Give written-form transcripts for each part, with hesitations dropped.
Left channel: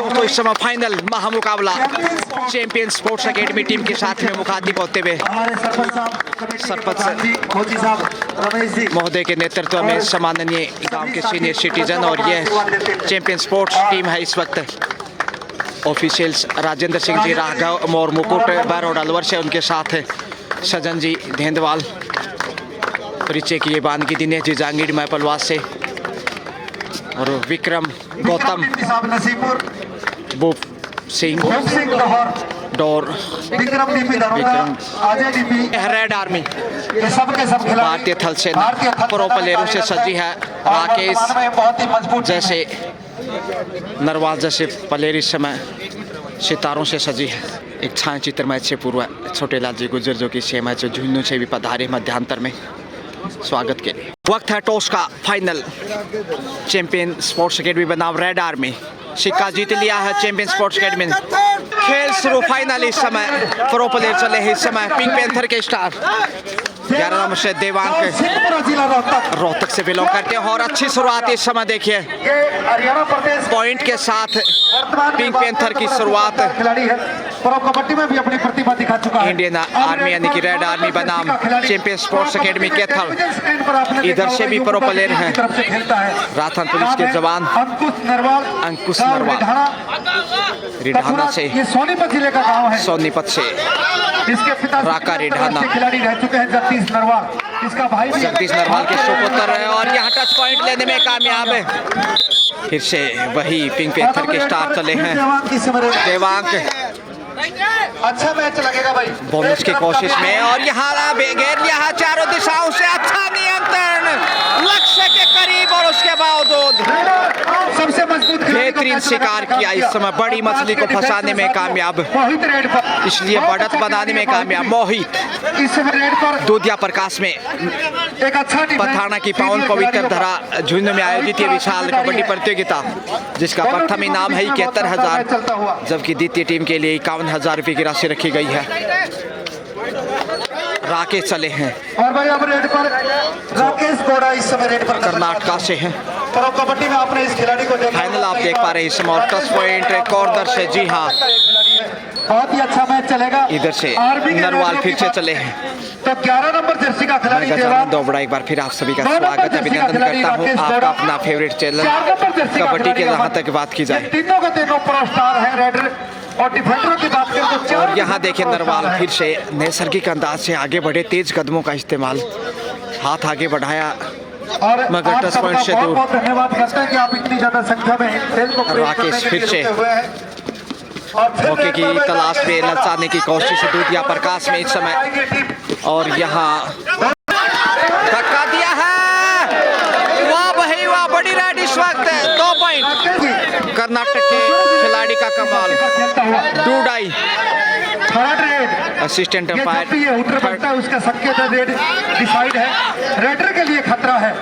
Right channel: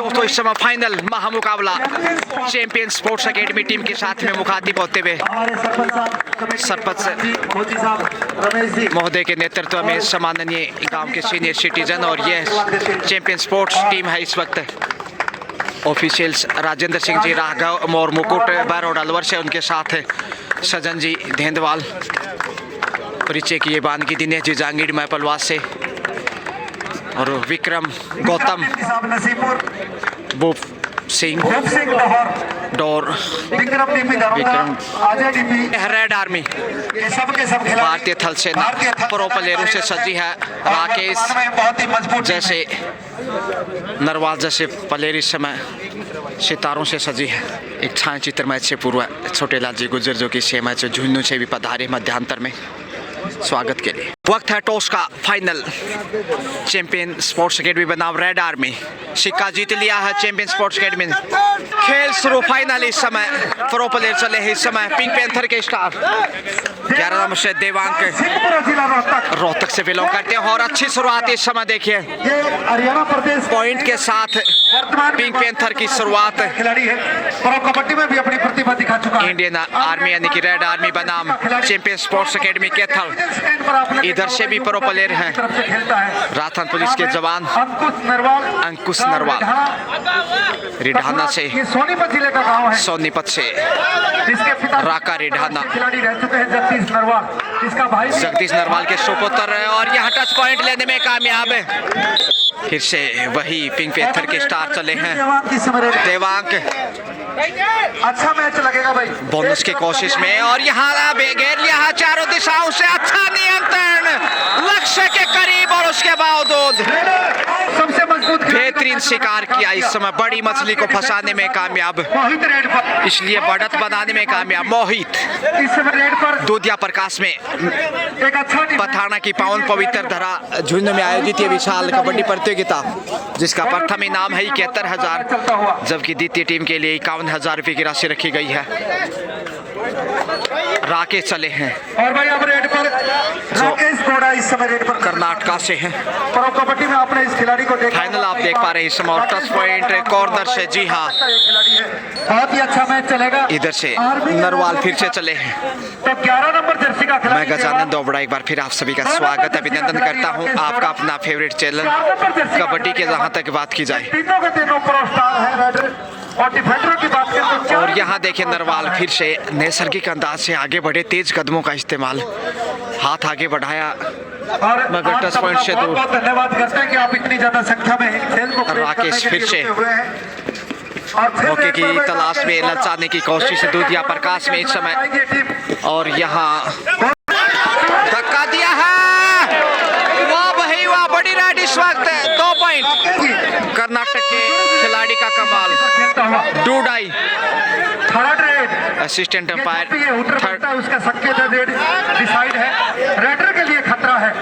दोस्तों इस समय फाइनल महामुकाबला चैंपियन स्पोर्ट्स एकेडमी टीम के साथ में मुखातिब होते हुए सरपंच महोदय के नेतृत्व में सम्माननीय गांव के सीनियर सिटीजन और ये चैंपियन स्पोर्ट्स टीम है। इस वक्त ऑफिशियल्स राजेंद्र सिंह जी राघव मोर मुकुट बैरोड अलवर से, उनके साथ सजन जी धेंदवाल, परिचय किए बानगी दिनेश जी जांगीर मैपलवास से, और विक्रम गौतम भूप Singh door Vikram red army भारतीय थल सेना प्रो प्लेयरों से सजी है। राकेश जैसे नरवाल जैसे प्लेयर इस समय सितारों से सजी है। एक छायाचित्र मैच से पूर्व छोटेलाल जी गुजर जो कि से मैच झुंझुनू से भी पधारे मध्यांतर में स्वागत के लिए। वक्त है टॉस का। फाइनल चैंपियन स्पोर्ट्स एकेडमी बनाम रेड आर्मी। सिक्का जीत लिया है चैंपियन स्पोर्ट्स एकेडमी। खेल शुरू। फाइनल इस समय प्रो प्लेयर चले हैं। इस समय पिंक पैंथर के स्टार 11 नंबर से देवांग रोहतक से बिलोंग करते हैं और अच्छी शुरुआत इस समय देखिए पॉइंट के साथ पिंक पैंथर की शुरुआत। कबड्डी में भी अपनी प्रतिभा दिखा चुका है। इंडियन आर्मी यानी कि रेड आर्मी बनाम चैंपियन स्पोर्ट्स एकेडमी कैथल। इधर से भी प्रो प्लेयर हैं राजस्थान पुलिस के जवान अंकुश नरवाल रिढ़ाना से, सोनीपत जिले का गांव है। सोनीपत से राका रिढ़ाना जगदीश नरवाल के सुपुत्र है और यहाँ टच पॉइंट लेने में कामयाब है। फिर से वही पिंक पैंथर के स्टार चले हैं देवांग। अच्छा मैच लगेगा भाई बोनस की कोशिश में और यहाँ घेर लिया है चारों दिशाओं से। अच्छा नियंत्रण लक्ष्य के करीब और उसके बावजूद सबसे मजबूत बेहतरीन शिकार किया। इस समय बड़ी मछली को फंसाने में कामयाब, इसलिए बढ़त बनाने में कामयाब मोहित। दूधिया प्रकाश में एक अच्छा पथाना की पावन पवित्र धरा झुंझुनू में आयोजित ये विशाल कबड्डी प्रतियोगिता जिसका प्रथम इनाम है 71,000, जबकि द्वितीय टीम के लिए 51,000 रुपये की राशि रखी गई है। राकेश चले हैं और भाई अब रेड पर राकेश गोड़ा इस समय रेड पर कर्नाटका से हैं। प्रो कबड्डी में आपने इस खिलाड़ी को देखा। फाइनल आप देख पा रहे हैं इस समय टच पॉइंट कॉर्नर से। जी हाँ, बहुत ही अच्छा मैच चलेगा। इधर से नरवाल फिर से चले हैं। तो 11 नंबर जर्सी का खिलाड़ी मैं गजानंद दोबड़ा एक बार फिर आप सभी का स्वागत अभिनंदन करता हूं आपका अपना फेवरेट चैनल कबड्डी के जहां तक बात की जाए। तीनों के तीनों प्रो स्टार हैं रेडर और डिफेंडर की बात करें तो और यहाँ देखें नरवाल फिर से नैसर्गिक अंदाज से आगे बढ़े, तेज कदमों का इस्तेमाल, हाथ आगे बढ़ाया और मगर टच पॉइंट से दूर। बहुत धन्यवाद करते हैं कि आप इतनी ज्यादा संख्या में खेल को राकेश फिर से मौके की तलाश में ललचाने की कोशिश दूधिया प्रकाश में इस समय, और यहाँ धक्का दिया है। वाह भाई वाह, बड़ी राइड इस वक्त 2 पॉइंट कर्नाटक के खिलाड़ी का कमाल। डूडाई असिस्टेंट अंपायर थर्ड उसका संकेत रेड डिसाइड है। रेडर के लिए खतरा है।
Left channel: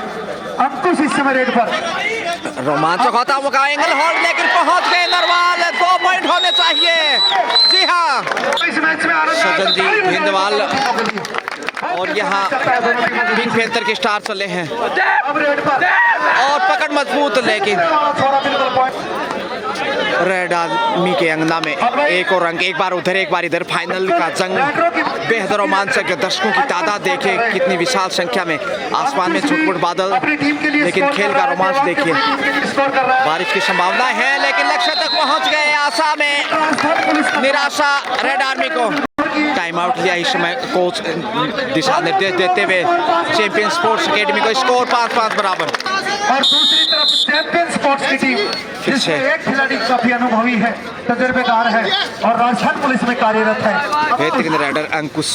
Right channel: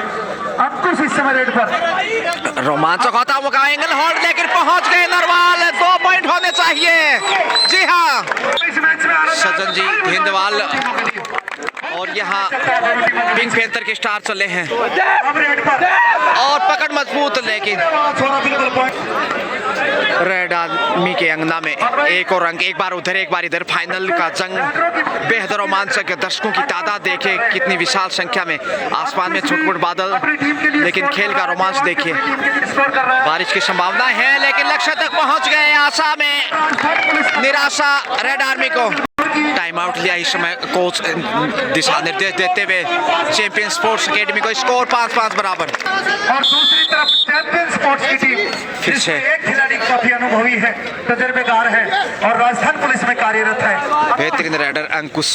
अंकुश इस समय रेड पर रोमांचक होता मुका एंगल होल्ड लेकर पहुंच गए नरवाल। 2 पॉइंट होने चाहिए। जी हाँ, सजन जी धेंदवाल और यहाँ पिंक पैंथर के स्टार चले हैं और पकड़ मजबूत, लेकिन रेड आर्मी के अंगना में एक और रंग, एक बार उधर एक बार इधर। फाइनल का जंग बेहद रोमांचक। दर्शकों की तादाद देखे कितनी विशाल संख्या में, आसमान में छुटपुट बादल, लेकिन खेल का रोमांच देखिए। बारिश की संभावना है लेकिन लक्ष्य तक पहुंच गए। आशा में निराशा रेड आर्मी को। टाइम आउट लिया इस समय कोच दिशा निर्देश देते हुए चैंपियन स्पोर्ट्स एकेडमी को। स्कोर 5-5 बराबर। और दूसरी तरफ चैंपियन स्पोर्ट्स की टीम फिर से एक खिलाड़ी काफी अनुभवी है, तजुर्बेकार है और राजस्थान पुलिस में कार्यरत है। बेहतरीन राइडर अंकुश।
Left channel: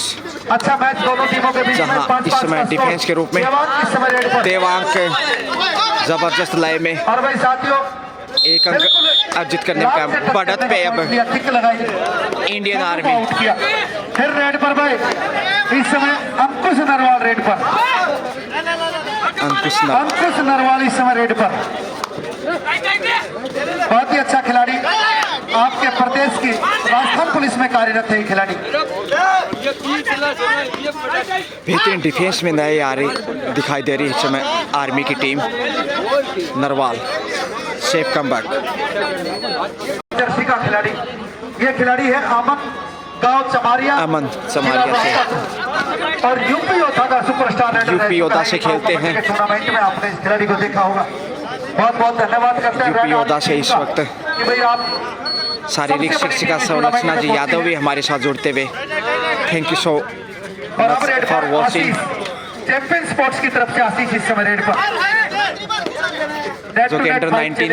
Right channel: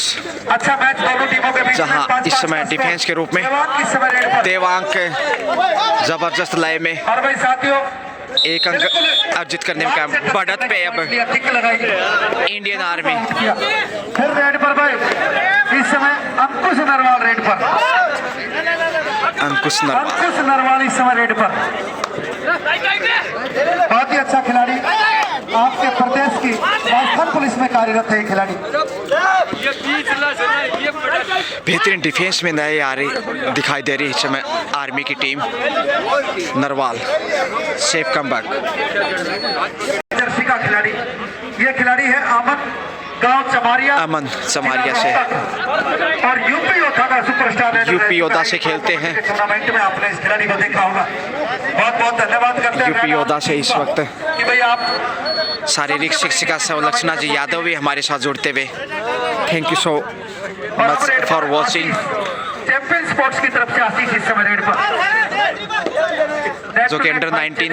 अच्छा मैच दोनों टीमों के बीच। जहां इस समय डिफेंस के रूप में देवांग जबरदस्त लय में और भाई साथियों एक अंक अर्जित करने का बढ़त पे अब इंडियन आर्मी। फिर रेड पर भाई इस समय अंकुश नरवाल रेड पर। अंकुश नरवाल इस समय रेड पर। बहुत ही अच्छा खिलाड़ी, आपके प्रदेश की राजस्थान पुलिस में कार्यरत है ये खिलाड़ी। बेहतरीन डिफेंस में नए आ रही दिखाई दे रही है इस समय आर्मी की टीम। Narwal safe comeback. का खिलाड़ी, ये खिलाड़ी है अमन गांव चमारिया, अमन चमारिया से, और यूपी योद्धा का सुपरस्टार यूपी योद्धा से खेलते हैं। टूर्नामेंट में आपने इस खिलाड़ी को देखा होगा। बहुत बहुत धन्यवाद करते हैं यूपी योद्धा से इस वक्त कि भाई आप शारीरिक शिक्षिका संलक्षणा जी यादव भी हमारे साथ जुड़ते हुए। Thank you so much for watching. Champion sports की तरफ से आशीष इस समय रेड पर, जो कि अंडर 19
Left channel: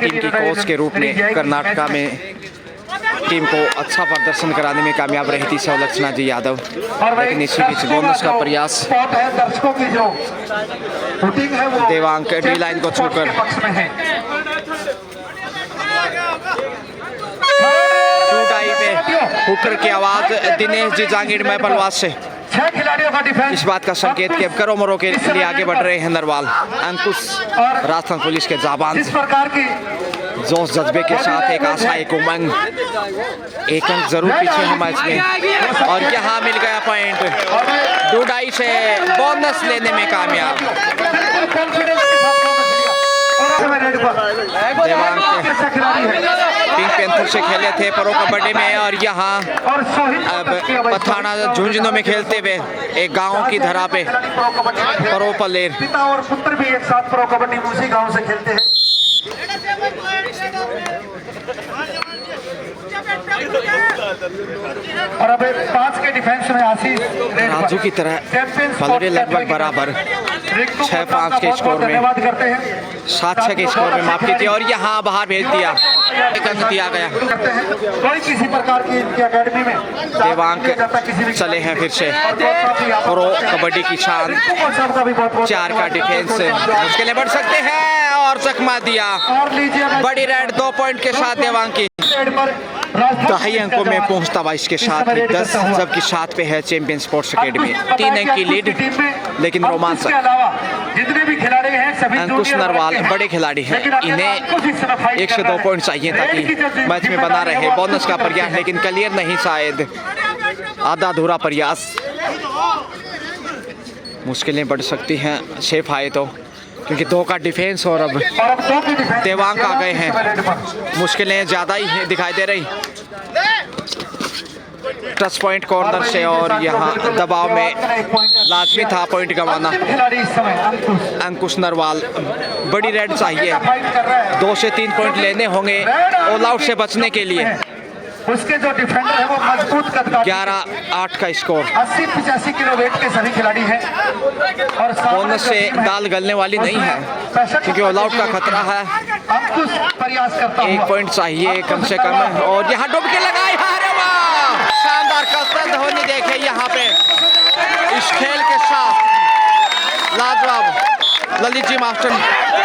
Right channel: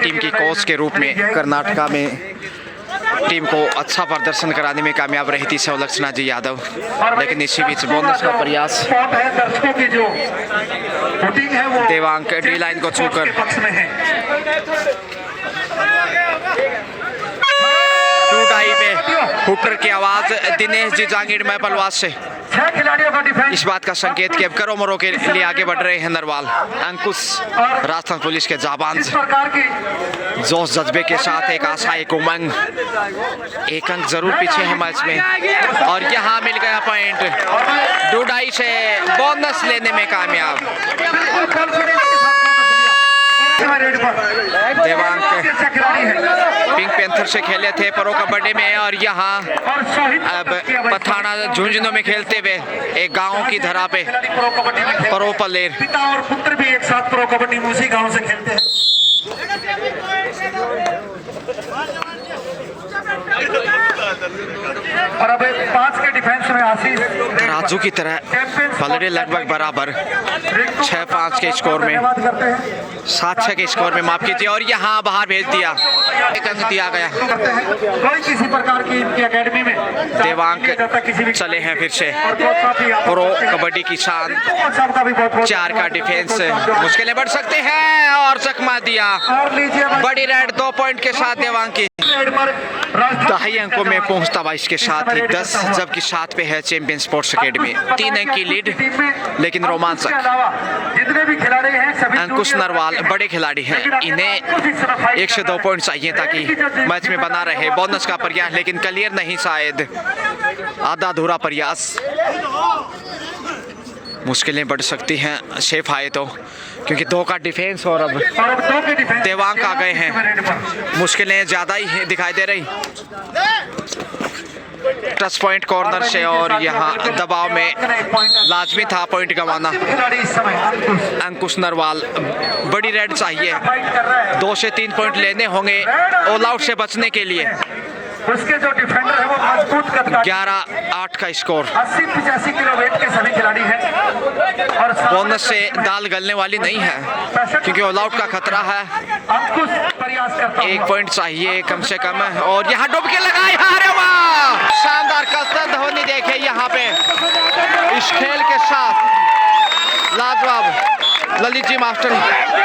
टीम की कोच के रूप में कर्नाटका में टीम को अच्छा प्रदर्शन कराने में कामयाब रही थी संलक्षणा जी यादव, लेकिन इसी बीच बोनस का प्रयास दर्शकों की जो वोटिंग है वो देवांक डी लाइन को छूकर पक्ष में है। टू टाई पे हुकर की आवाज दिनेश जी जांगीर महपलवास से 6 खिलाड़ियों का डिफेंस, इस बात का संकेत कि अब करो मरो के लिए आगे बढ़ रहे हैं नरवाल। अंकुश राजस्थान पुलिस के जाबांज इस प्रकार की जोश जज्बे के साथ एक आशा एक उमंग, एक अंक जरूर पीछे है मैच में, और यहाँ मिल गया पॉइंट। डूडाई से बोनस लेने में कामयाब कॉन्फिडेंस के साथ बोनस लिया और रेड पर देवांक अच्छा खिलाड़ी है पिंक पैंथर से खेले थे प्रो कबड्डी में, और यहाँ और शहीद अब पठाना झुंझुनू में खेलते हुए एक गांव की धरा पे प्रो कबड्डी में खेलते प्रो हैं। प्लेयर पिता और पुत्र भी एक साथ प्रो कबड्डी में उसी गांव से खेलते हैं। और अब 5 के डिफेंस में आशीष राजू की तरह पलड़े लगभग बराबर 6-5 के स्कोर में, धन्यवाद करते हैं 7-6 के स्कोर में माफ कीजिए, और यहाँ बाहर भेज दिया, एक अंक दिया गया। करते हैं। कोई किसी प्रकार की इनकी एकेडमी में देवांक चले हैं फिर से प्रो कबड्डी की शान, 4 का डिफेंस, मुश्किलें बढ़ सकते हैं, और चकमा दिया और लीजिए बड़ी रेड 2 पॉइंट के साथ देवांग की दहाई अंकों में पहुंचता 22 के साथ ही 10, जबकि 7 पे है चैंपियन स्पोर्ट्स एकेडमी। 3 अंक की लीड, लेकिन रोमांचक। जितने भी खिलाड़ी हैं सभी अंकुश नरवाल बड़े खिलाड़ी हैं, इन्हें 1 से 2 पॉइंट चाहिए ताकि मैच में बना रहे। बोनस का प्रयास लेकिन क्लियर नहीं, शायद आधा अधूरा प्रयास। मुश्किलें बढ़ सकती हैं सेफ आए तो, क्योंकि 2 का डिफेंस और अब देवांग आ गए हैं, मुश्किलें ज़्यादा ही दिखाई दे रही। टच पॉइंट कॉर्नर से, और यहाँ दबाव में लाजमी था पॉइंट गंवाना। अंकुश नरवाल बड़ी रेड चाहिए, 2 से 3 पॉइंट लेने होंगे ऑल आउट से बचने के लिए। उसके जो डिफेंडर है वो मजबूत कद का 11-8 का स्कोर। 80-85 किलो वेट के सभी खिलाड़ी हैं और बोनस से दाल गलने वाली नहीं है, क्योंकि ऑल आउट का खतरा है। अंकुश प्रयास करता 1 पॉइंट चाहिए कम से कम, और यहाँ डुबकी लगाई। अरे वाह, शानदार कसरत धोनी देखे यहाँ पे इस खेल के साथ, लाजवाब ललित जी मास्टर,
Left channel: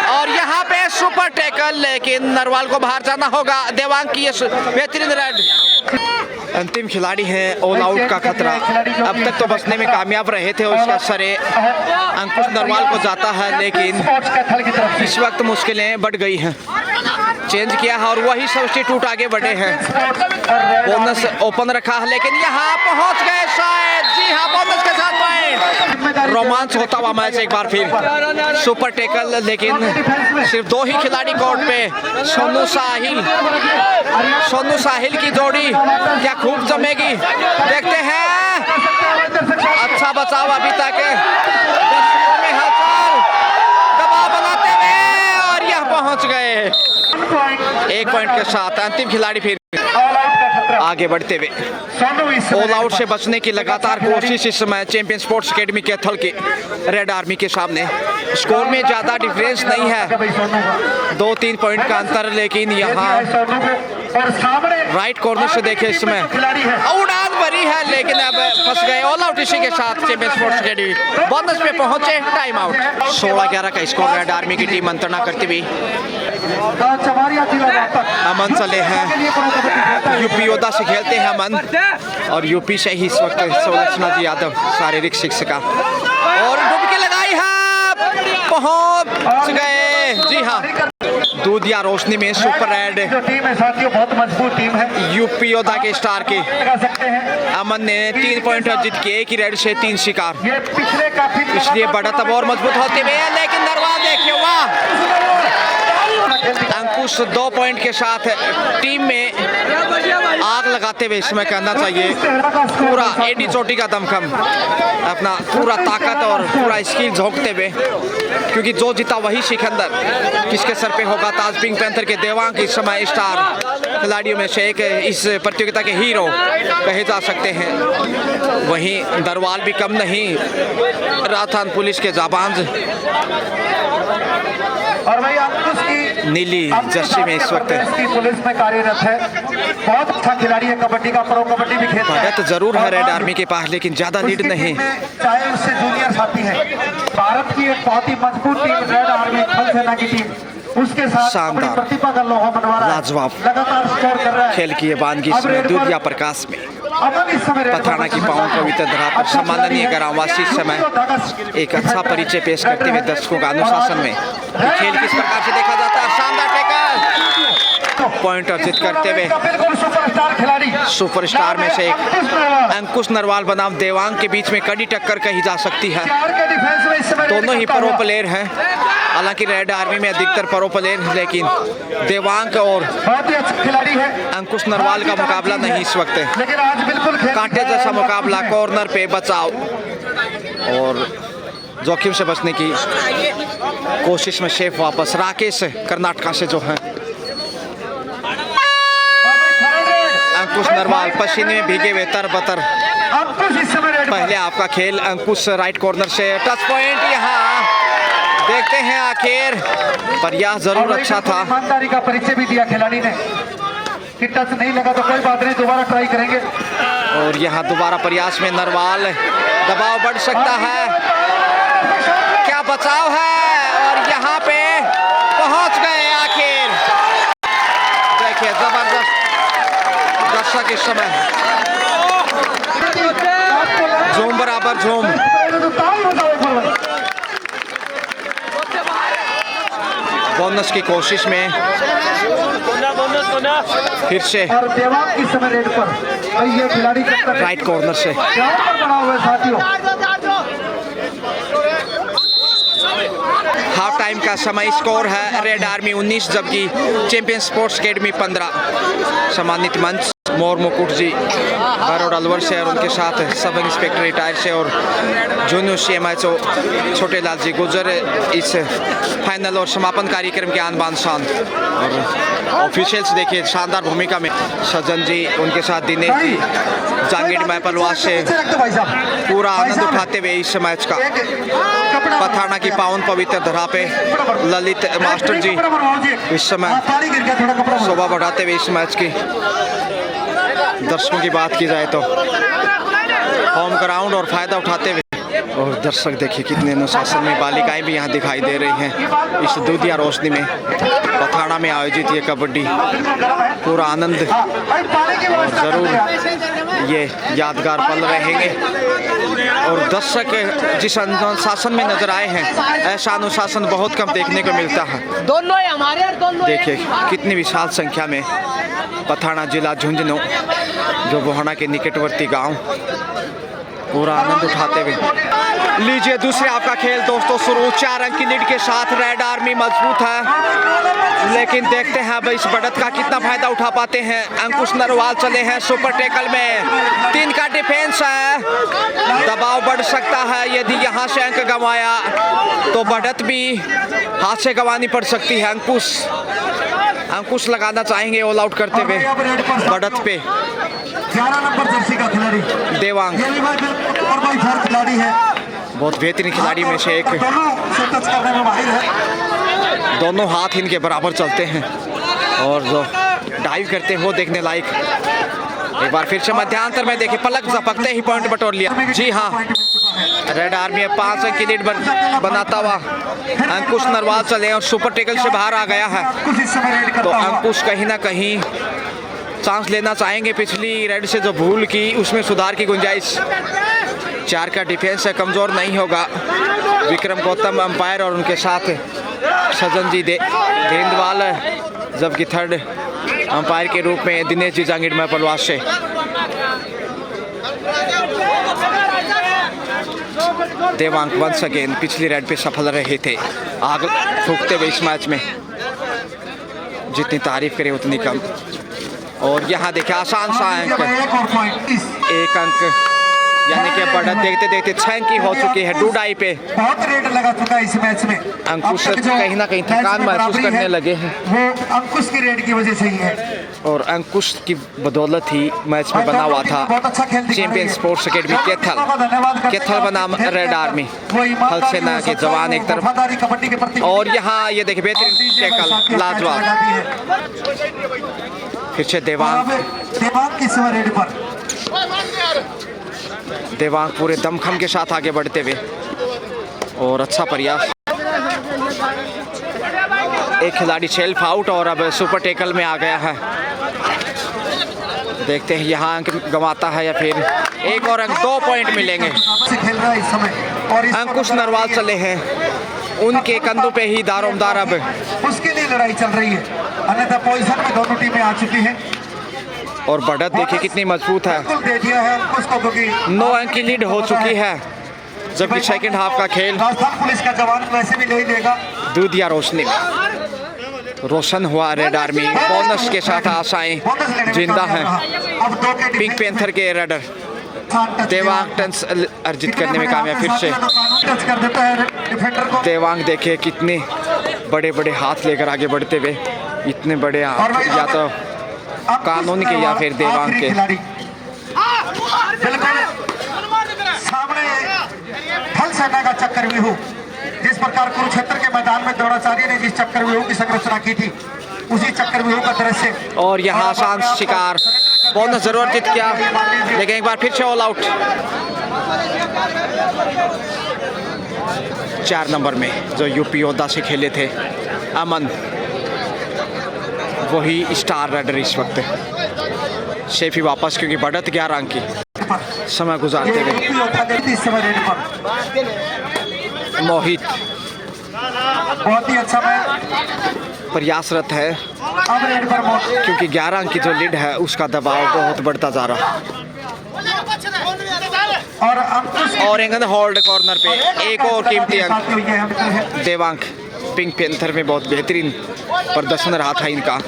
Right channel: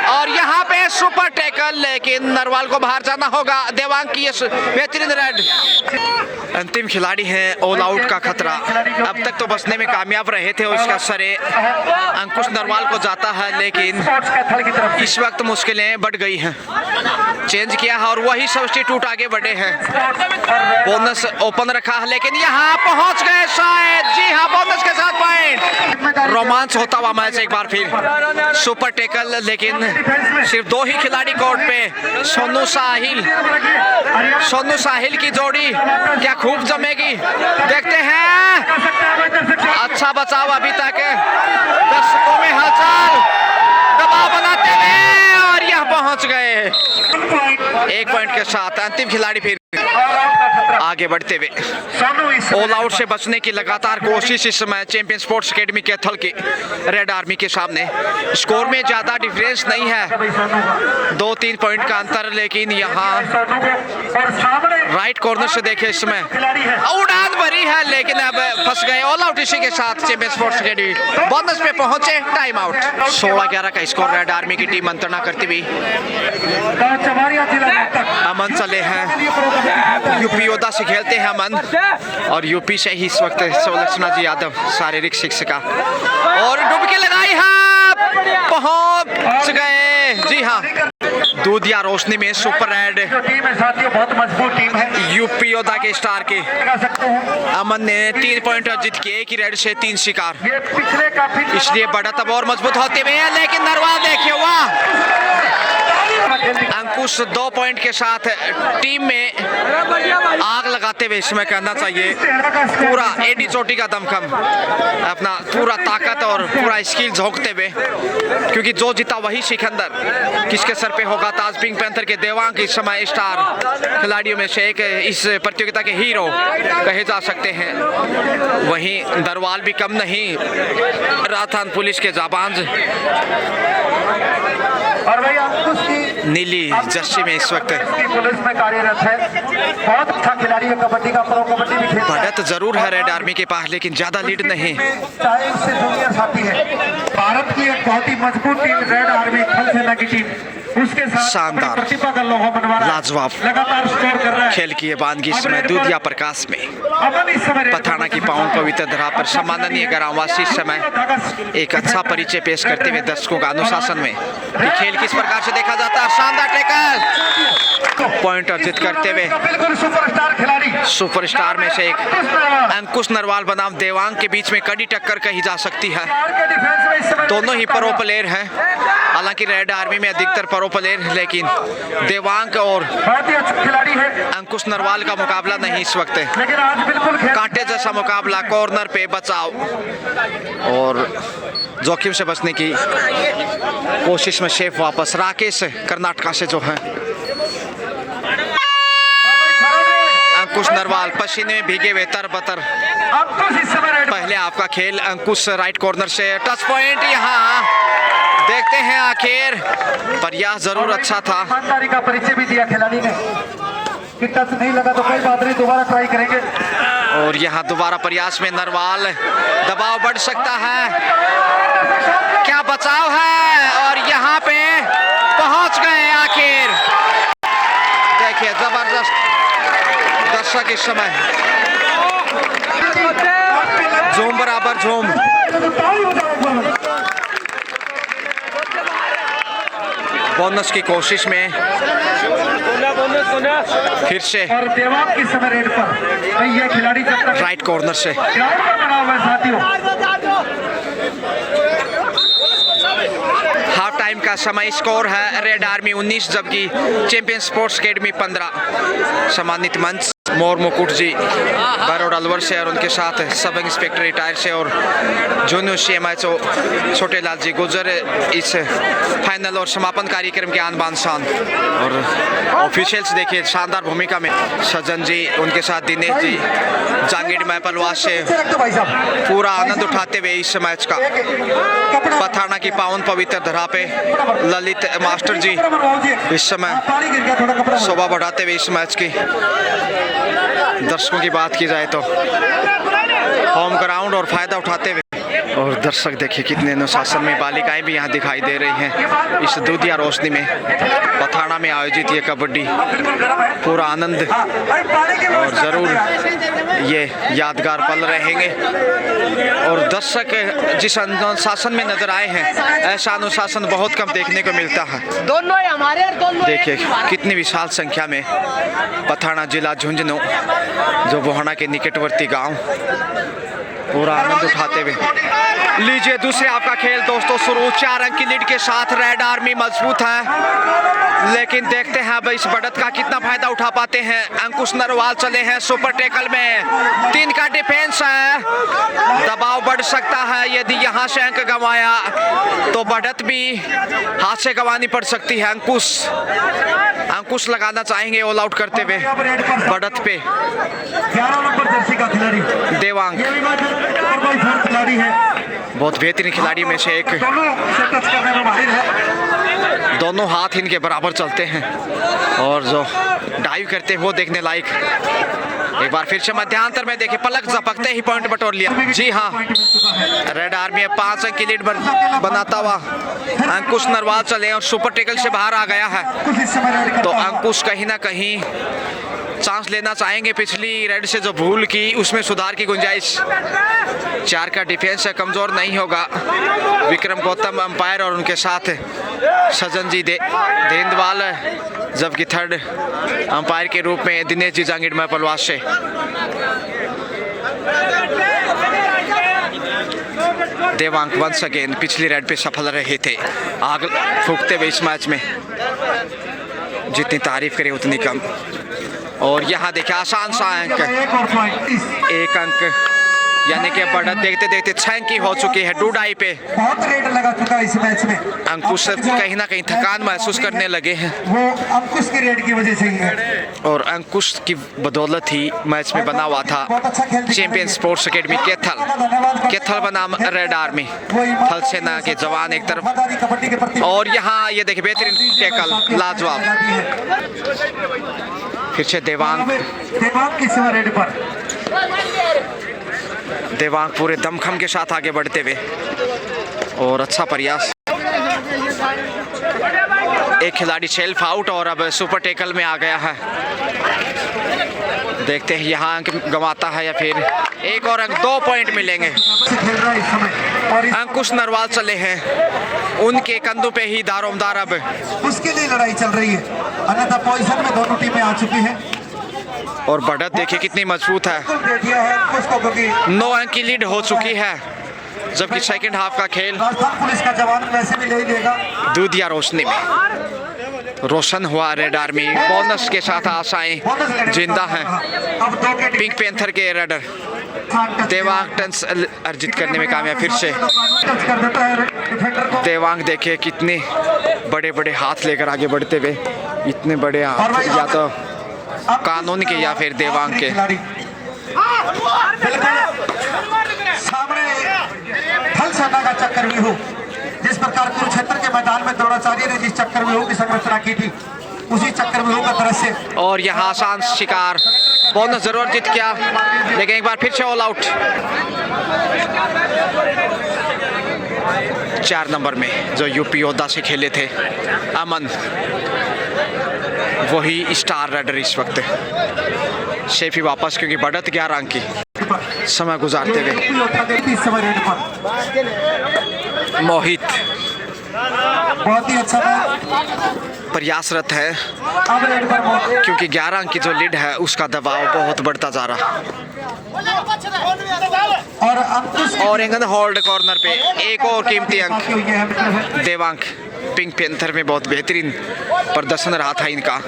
और यहाँ पे सुपर टैकल, लेकिन नरवाल को बाहर जाना होगा। देवांग की ये बेहतरीन रेड। अंतिम खिलाड़ी हैं, ऑल आउट का खतरा, अब तक तो बचने में कामयाब रहे थे, उसका सरे अंकुश नरवाल को जाता है, लेकिन इस वक्त मुश्किलें बढ़ गई हैं। चेंज किया है और वही सब्स्टिट्यूट आगे बढ़े हैं। बोनस ओपन रखा है, लेकिन यहाँ पहुंच गए शायद। जी हाँ, बोनस के साथ पॉइंट। रोमांच होता हुआ मैच एक बार फिर। सुपर टैकल, लेकिन सिर्फ 2 ही खिलाड़ी कोर्ट पे। सोनू साहिल की जोड़ी क्या खूब जमेगी, देखते हैं। अच्छा बचाव अभी तक, दर्शकों में हलचल, दबाव बनाते हुए, और यहाँ पहुंच गए 1 पॉइंट के साथ। अंतिम खिलाड़ी फिर आगे बढ़ते हुए। ऑल आउट से बचने की लगातार कोशिश इस समय चैंपियन स्पोर्ट्स एकेडमी कैथल की रेड आर्मी के सामने। स्कोर में ज़्यादा डिफरेंस नहीं है, 2-3 पॉइंट का अंतर, लेकिन यहाँ राइट कॉर्नर से देखे इसमें उड़ान भरी है, लेकिन अब फंस गए। ऑल आउट इसी के साथ चैंपियन स्पोर्ट्स एकेडमी बोनस पे पहुंचे। Time out. 16-11 का स्कोर रेड आर्मी की टीम मंत्रणा करती हुई। अमन चले हैं, यूपी योद्धा से खेलते हैं अमन, और यूपी से ही इस वक्त संलक्षणा जी यादव शारीरिक शिक्षिका, और डुबकी लगाई है, पहुंच गए। जी हाँ, दूधिया रोशनी में सुपर रेड टीम है साथियों, बहुत मजबूत टीम है यूपी योद्धा के स्टार के सकते हैं। अमन ने 3 पॉइंट अर्जित किए, एक ही रेड से 3 शिकार, ये पिछले काफी इसलिए बढ़त अब और मजबूत होते हुए। लेकिन नरवाल देखिए, वाह, अंकुश 2 पॉइंट के साथ टीम में आग लगाते हुए इसमें कहना चाहिए पूरा एडी चोटी का दमखम अपना पूरा ताकत और पूरा स्किल झोंकते हुए, क्योंकि जो जीता वही सिकंदर किसके सर पे होगा। ताज पिंक पैंथर के देवांग इस समय स्टार खिलाड़ियों में से एक इस प्रतियोगिता के हीरो कहे जा सकते हैं। वहीं दरवाल भी कम नहीं, राजस्थान पुलिस के जाबांज और भाई अंकुश की नीली जर्सी में इस वक्त पुलिस में कार्यरत है, बहुत अच्छा खिलाड़ी है, कबड्डी का प्रो कबड्डी भी खेलता है। बढ़त जरूर है रेड आर्मी के पास, लेकिन ज्यादा लीड नहीं। चाहे उससे जूनियर साथी है, भारत की एक बहुत ही मजबूत टीम रेड आर्मी थल सेना की टीम, उसके साथ शानदार प्रतिभा का लोहा मनवा लाजवाब लगातार स्कोर कर रहा है। खेल की ये बानगी इसमें दूधिया प्रकाश में पथराना की पावन पवित्र धरा पर सम्माननीय ग्रामवासी इस समय एक अच्छा परिचय पेश करते हुए दर्शकों का अनुशासन में कि खेल किस प्रकार से देखा जाता है। शानदार टैकल पॉइंट अर्जित करते हुए सुपरस्टार खिलाड़ी सुपरस्टार में से एक अंकुश नरवाल बनाम देवांग के बीच में कड़ी टक्कर कही जा सकती है। दोनों ही प्रो प्लेयर हैं, हालांकि रेड आर्मी में अधिकतर प्रो प्लेयर, लेकिन देवांग और बहुत ही अच्छा खिलाड़ी है, अंकुश नरवाल का मुकाबला नहीं इस वक्त। लेकिन आज बिल्कुल कांटे जैसा मुकाबला, कॉर्नर पे बचाव और जोखिम से बचने की कोशिश में शेफ वापस राकेश कर्नाटका से जो है। अंकुश नरवाल पसीने में भीगे हुए तरबतर। अंकुश इस समय रेड पहले आपका खेल अंकुश राइट कॉर्नर से टच पॉइंट, यहाँ देखते हैं आखिर प्रयास जरूर अच्छा था। ईमानदारी का परिचय भी दिया खिलाड़ी ने कि टच नहीं लगा तो कोई बात नहीं, दोबारा ट्राई करेंगे। और यहाँ दोबारा प्रयास में नरवाल, दबाव बढ़ सकता है, क्या बचाव है और यहाँ पे पहुंच गए आखिर। देखिए जबरदस्त दर्शक इस समय झूम बराबर झूम। बोनस की कोशिश में फिर से और देवांग इस समय रेड पर, भाई ये खिलाड़ी जब तक राइट कॉर्नर से ग्राउंड पर बना हुआ है साथियों। हाफ टाइम का समय स्कोर है रेड आर्मी 19 जबकि चैंपियन स्पोर्ट्स अकेडमी 15। सम्मानित मंच मोर मुकुट जी बड़ौदा अलवर से और उनके साथ सब इंस्पेक्टर रिटायर से और जूनियर CMHO छोटे लाल जी गुजर इस फाइनल और समापन कार्यक्रम के आन बान शान। और ऑफिशियल्स देखिए शानदार भूमिका में सज्जन जी, उनके साथ दिनेश जी जांगीर मैपलवास से भाई साहब पूरा आनंद उठाते हुए इस मैच का। पथराना की पावन पवित्र धरा पे ललित मास्टर जी इस समय पानी गिर गया थोड़ा कपड़ा। शोभा बढ़ाते हुए इस मैच की। दर्शकों की बात की जाए तो होम ग्राउंड और फायदा उठाते हुए, और दर्शक देखिए कितने अनुशासन में, बालिकाएं भी यहाँ दिखाई दे रही हैं इस दूधिया रोशनी में। पथराना में आयोजित ये कबड्डी पूरा आनंद और ज़रूर ये यादगार पल रहेंगे। और दर्शक जिस अनुशासन में नजर आए हैं, ऐसा अनुशासन बहुत कम देखने को मिलता है। दोनों ही हमारे और दोनों देखिए कितनी विशाल संख्या में पथराना जिला झुंझुनू जो बोहाना के निकटवर्ती गांव पूरा आनंद उठाते हुए। लीजिए दूसरे आपका खेल दोस्तों शुरू। 4 अंक की लीड के साथ रेड आर्मी मजबूत है, लेकिन देखते हैं अब इस बढ़त का कितना फायदा उठा पाते हैं। अंकुश नरवाल चले हैं सुपर टैकल में, 3 का डिफेंस है, दबाव बढ़ सकता है। यदि यहाँ से अंक गंवाया तो बढ़त भी हाथ से गंवानी पड़ सकती है। अंकुश लगाना चाहेंगे ऑल आउट करते हुए बढ़त पे। 11 नंबर जर्सी का खिलाड़ी देवांग खिलाड़ी है, बहुत बेहतरीन खिलाड़ी में से एक, दोनों से टच करने में माहिर है। दोनों हाथ इनके बराबर चलते हैं और जो डाइव करते हैं वो देखने लायक। एक बार फिर से मध्यांतर में देखे पलक झपकते ही पॉइंट बटोर लिया। जी हाँ, रेड आर्मी 5 अंक की लीड बनाता हुआ अंकुश नरवाल चले और सुपर टैकल से बाहर आ गया है। कुछ इस समय रेड तो करता हुआ। अंकुश कहीं ना कहीं चांस लेना चाहेंगे। पिछली रेड से जो भूल की उसमें सुधार की गुंजाइश। 4 का डिफेंस है, कमज़ोर नहीं होगा। विक्रम गौतम अंपायर और उनके साथ सज्जन जी देंदवाल, जबकि थर्ड अंपायर के रूप में दिनेश जी जांगीर मैपलवास से। देवांग वंस अगेन पिछली रेड पे सफल रहे थे आग फूकते हुए इस मैच में। जितनी तारीफ करे उतनी कम। और यहाँ देखिए आसान सा अंक, एक अंक, यानी कि बढ़त देखते देखते 6 अंक की हो चुकी है डूडाई पे। बहुत रेट लगा चुका है इस मैच में। अंकुश कहीं ना कहीं थकान महसूस करने लगे हैं, वो अंकुश की रेट की वजह से ही है। और अंकुश की बदौलत ही मैच में बना हुआ था बहुत अच्छा खेल दिखा चैंपियन रहे हैं। स्पोर्ट्स एकेडमी कैथल बनाम रेड आर्मी, थल सेना के जवान एक तरफ। वफादारी कबड्डी के प्रति। और यहाँ ये देखिए बेहतरीन टैकल, लाजवाब। फिर से देवांग की सीमा रेट पर। देवांग पूरे दमखम के साथ आगे बढ़ते हुए, और अच्छा प्रयास। एक खिलाड़ी सेल्फ आउट और अब सुपर टैकल में आ गया है। देखते हैं यहाँ अंक गंवाता है या फिर एक और अंक। 2 पॉइंट मिलेंगे। से खेल रहा है इस समय। और इस अंकुश नरवाल चले हैं, उनके कंधों पे ही दारोमदार अब। उसके लिए लड़ाई चल रही है, अन्यथा पोजीशन में दोनों टीमें आ चुकी हैं। और बढ़त देखिए कितनी मजबूत है, बिल्कुल दे दिया है अंकुश को, क्योंकि 9 अंक की लीड हो चुकी है। जबकि सेकंड हाफ का खेल राजस्थान पुलिस का जवान वैसे भी ले ही लेगा। दूधिया रोशनी में रोशन हुआ रेड आर्मी। बोनस के साथ आशाएं जिंदा हैं। अब 2 के पिंक पैंथर के रेडर देवांग टंस अर्जित करने में कामयाब। फिर से टच कर देता है डिफेंडर को। देवांग देखिए कितने बड़े बड़े हाथ लेकर आगे बढ़ते हुए। इतने बड़े हाथ या तो कानून के या फिर देवांग के। बिल्कुल सामने फल सेना का चक्रव्यूह, जिस प्रकार कुरुक्षेत्र के मैदान में द्रोणाचार्य ने जिस चक्रव्यूह की संरचना की थी, उसी चक्रव्यूह का दृश्य। और यहाँ आसान शिकार, बोनस जरूर जीत गया, लेकिन एक बार फिर से ऑल आउट। 4 नंबर में जो यूपी योद्धा से खेले थे अमन, वही स्टार रेडर इस वक्त। शेफी वापस, क्योंकि बढ़त 11 अंक की समय गुजारते हुए। इस समय रेड पर मोहित बहुत ही अच्छा मैच प्रयासरत है, अब रेड पर मौत। क्योंकि 11 अंक की जो लीड है उसका दबाव बहुत बढ़ता जा रहा। और अंकुश और एंगन होल्ड कॉर्नर पे एक और कीमती अंक। साथियों ये है देवांग पिंक पैंथर में बहुत बेहतरीन प्रदर्शन रहा था इनका।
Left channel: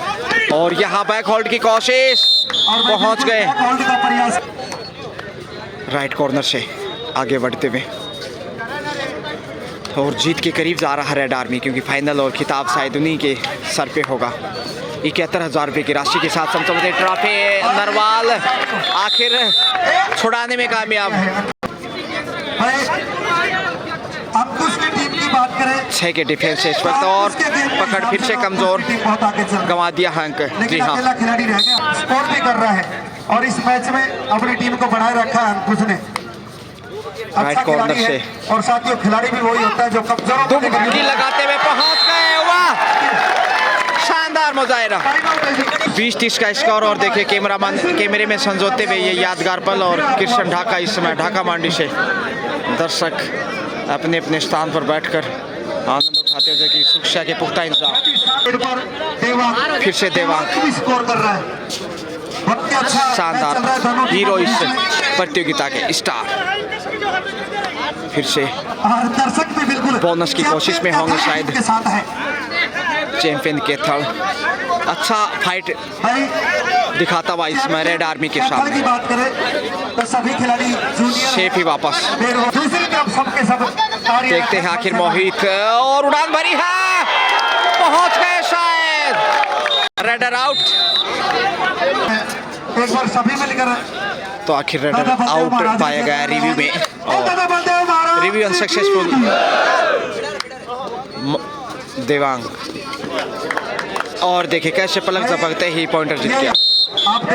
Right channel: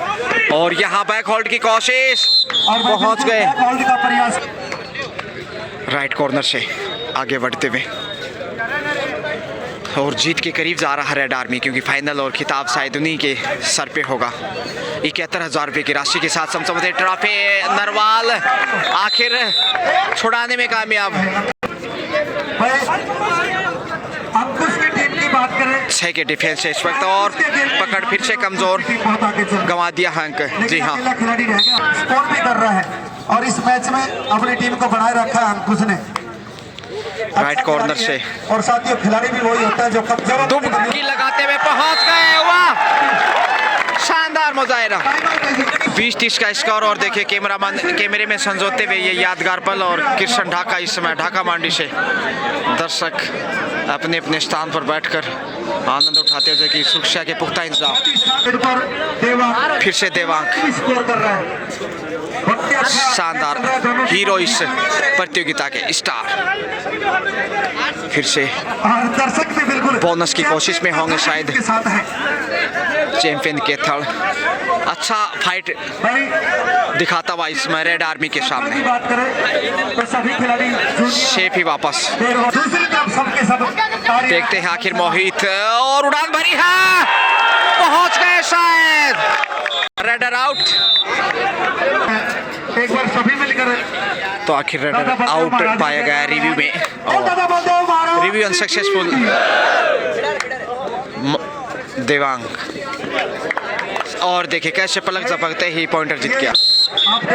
और यहाँ बैक होल्ड की कोशिश, पहुंच गए होल्ड का प्रयास। राइट कॉर्नर से आगे बढ़ते हुए, और जीत के करीब जा रहा है रेड आर्मी, क्योंकि फाइनल और खिताब शायद उन्हीं के सर पे होगा। 71,000 रुपये की राशि के साथ समझौते ट्रॉफी नरवाल आखिर छुड़ाने में कामयाब। अंकुश की टीम की बात करें, 6 के डिफेंस से इस वक्त, और पकड़ फिर से कमजोर, बहुत आगे चल रहा है। गंवा दिया है अंक। जी लेकिन हाँ, अकेला खिलाड़ी रह गया, स्कोर भी कर रहा है, और इस मैच में अपनी टीम को बनाए रखा है अंकुश ने। राइट कॉर्नर खिलाड़ी से है, और साथियों खिलाड़ी भी वही होता है जो कमजोरों को डुबकी लगाते हुए पहुंच गए। वाह, शानदार मुजाहिरा। 20-30 का स्कोर। और देखिए कैमरे में संजोते हुए ये यादगार पल। और कृष्ण ढाका इस समय ढाका मांडी से दर्शक अपने अपने स्थान पर बैठकर आनंद उठाते हुए कि सुरक्षा के पुख्ता इंतजाम। फिर से देवांग स्कोर कर रहा है। शानदार हीरो इस प्रतियोगिता के स्टार। फिर से दर्शक भी बिल्कुल बोनस की कोशिश में होंगे शायद के साथ है। चैंपियन के थर्ड। अच्छा फाइट दिखाता हुआ इसमें रेड आर्मी के की सामने। बात करें तो सभी खिलाड़ी शेफ ही वापस। दूसरी तरफ सबके सब देखते हैं आखिर मोहित, और उड़ान भरी है, पहुंच गए शायद। Raider out. एक बार सभी मिलकर तो आखिर रेडर आउट पाया गया रिव्यू में, और रिव्यू अनसक्सेसफुल। देवांग, और देखिए कैसे पलक झपकते ही पॉइंटर जीत गया।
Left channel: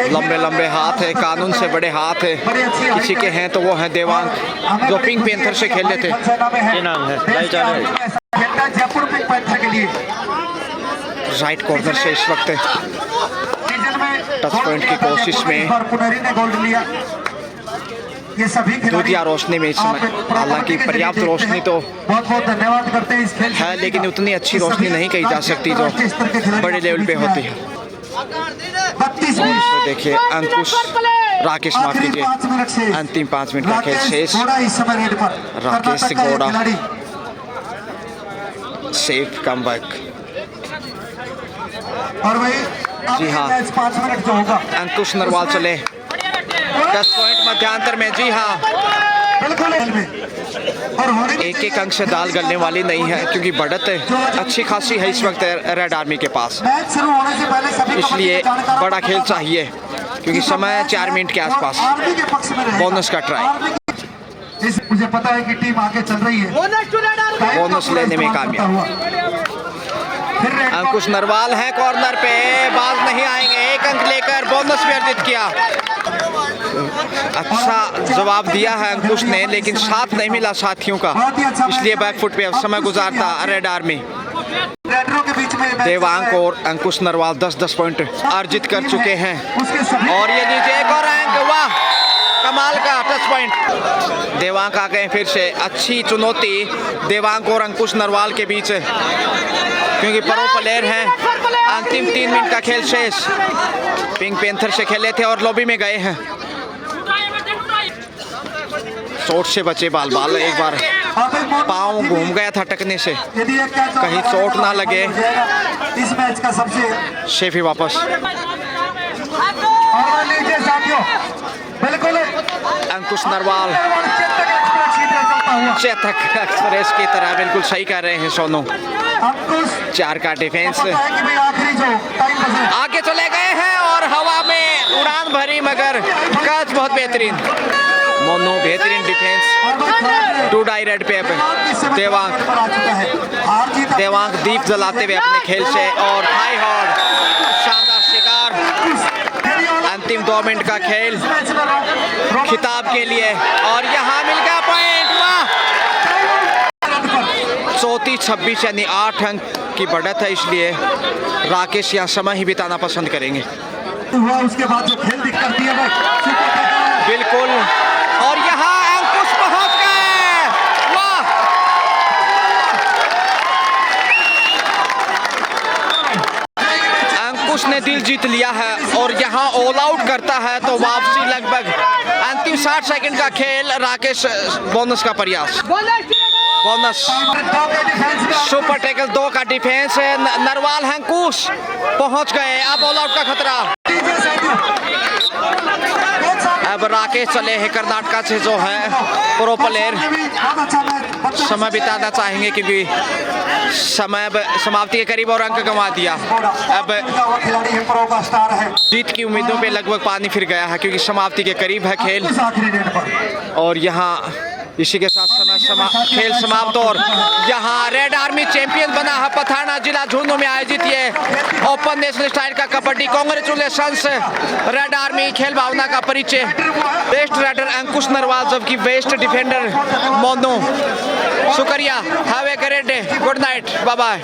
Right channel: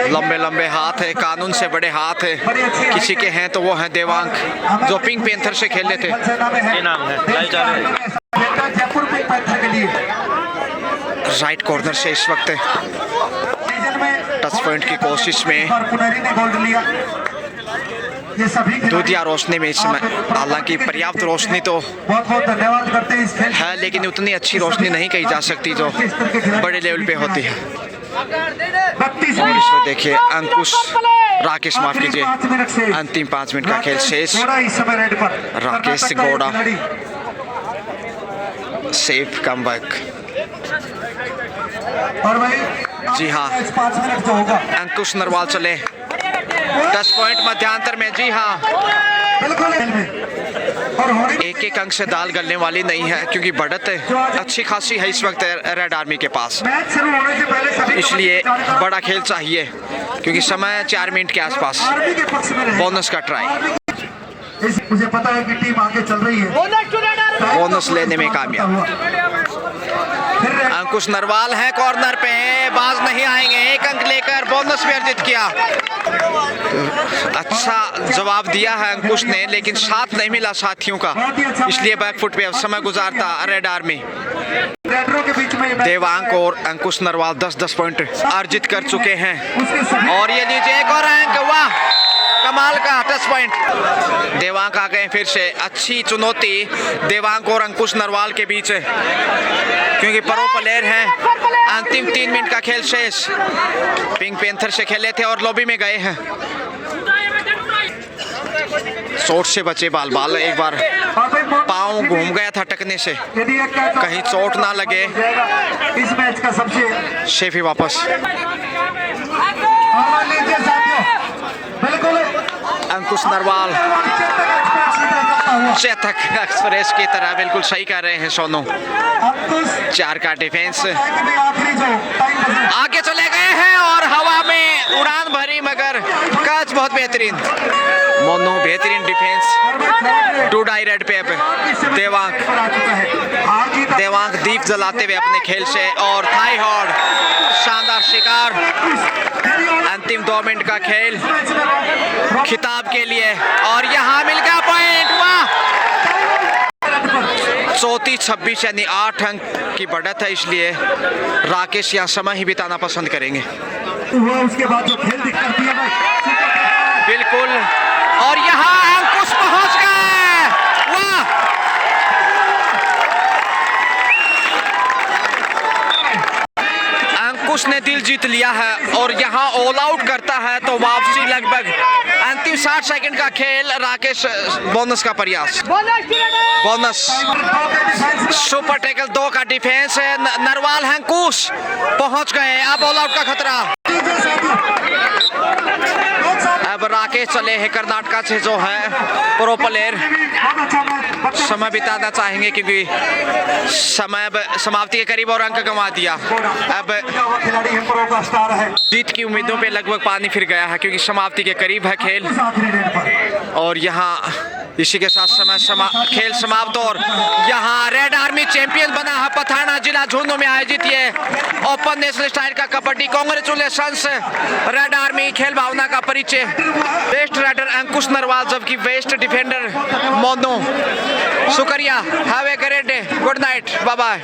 लंबे लंबे हाथ है, कानून से बड़े हाथ है किसी के हैं तो वो हैं देवांग, जो पिंक पैंथर से खेले थे। क्या नाम है? जयपुर पिंक पैंथर के लिए राइट कॉर्नर से इस वक्त टच पॉइंट की कोशिश में पुनरी ने गोल्ड लिया। ये सभी दूधिया रोशनी में इस समय, हालांकि पर्याप्त रोशनी तो बहुत बहुत धन्यवाद करते हैं इस खेल है, लेकिन उतनी अच्छी रोशनी नहीं कही जा सकती जो बड़े लेवल पे होती है। 32 और इसमें देखिए अंकुश राकेश, माफ कीजिए, अंतिम 5 मिनट का खेल शेष। Rakesh Gowda safe comeback. और वही जी हाँ। 5 मिनट जो होगा अंकुश नरवाल चले 10 पॉइंट मध्यांतर में। जी हाँ, बिल्कुल और होने भी एक अंक से दाल गलने वाली नहीं है, क्योंकि बढ़त अच्छी खासी है इस वक्त रेड आर्मी के पास। मैच शुरू होने से पहले सभी इसलिए बड़ा खेल चाहिए, क्योंकि समय 4 मिनट के आसपास। आर्मी के पक्ष में रहेगा। बोनस का ट्राई। मुझे पता है कि टीम आगे चल रही है। बोनस लेने में कामयाब। अंकुश नरवाल है कॉर्नर पे, बाज नहीं आएंगे। 1 अंक लेकर बोनस भी अर्जित किया। अच्छा जवाब दिया है अंकुश ने, लेकिन साथ नहीं मिला साथियों का, इसलिए बैकफुट पे समय गुजारता रेड आर्मी। के बीच में देवांक और अंकुश नरवाल 10-10 पॉइंट अर्जित कर चुके हैं। और ये लीजिए एक और अंक, वाह कमाल का टच पॉइंट। देवांक आ गए फिर से। अच्छी चुनौती देवांक और अंकुश नरवाल के बीच, क्योंकि प्रो प्लेयर हैं। अंतिम 3 मिनट का खेल शेष। पिंक पैंथर से खेले थे और लॉबी में गए हैं। चोट से बचे बाल बाल। एक बार पाँव घूम गया था टकने से, कहीं चोट ना लगे। इस मैच का सबसे शेफी वापस। बिल्कुल अंकुश नरवाल चेतक एक्सप्रेस की तरह बिल्कुल सही कर रहे हैं सोनू। 4 का डिफेंस। आगे चले गए हैं और हवा में उड़ान भरी, मगर कैच बहुत बेहतरीन। मोनू बेहतरीन डिफेंस। 2 डाई रेड पे देवांक दीप जलाते हुए अपने खेल से, और थाई हॉर्ड शानदार शिकार। अंतिम 2 मिनट का खेल खिताब के लिए, और यहाँ मिल गया पॉइंट। वाह 34-26 यानी 8 अंक की बढ़त है, इसलिए राकेश यहाँ समय ही बिताना पसंद करेंगे। उसके बाद जो खेल दिखती है बिल्कुल, और यहाँ अंकुश पहुंच गए। वाह अंकुश ने दिल जीत लिया है और यहाँ ऑल आउट करता है, तो वापसी लगभग अंतिम 60 सेकंड का खेल। राकेश बोनस का प्रयास। बोनस सुपर टैकल 2 का डिफेंस है। नरवाल अंकुश पहुंच गए। अब ऑल आउट का खतरा। अब राकेश चले हैं कर्नाटका से, जो है प्रो प्लेयर। समय बिताना चाहेंगे, क्योंकि समय समाप्ति के करीब और अंक गंवा दिया। अब जीत की उम्मीदों पे लगभग पानी फिर गया है, क्योंकि समाप्ति के करीब है खेल। और यहाँ इसी के साथ खेल समाप्त। और यहाँ रेड आर्मी चैंपियन बना है पथाना जिला झुंझुनू में आयोजित ये ओपन नेशनल स्टाइल का कबड्डी। Congratulations red army. खेल भावना का परिचय। बेस्ट राइडर अंकुश नरवाल, जबकि बेस्ट डिफेंडर मोनू। शुक्रिया। Have a great day. Good night. Bye bye.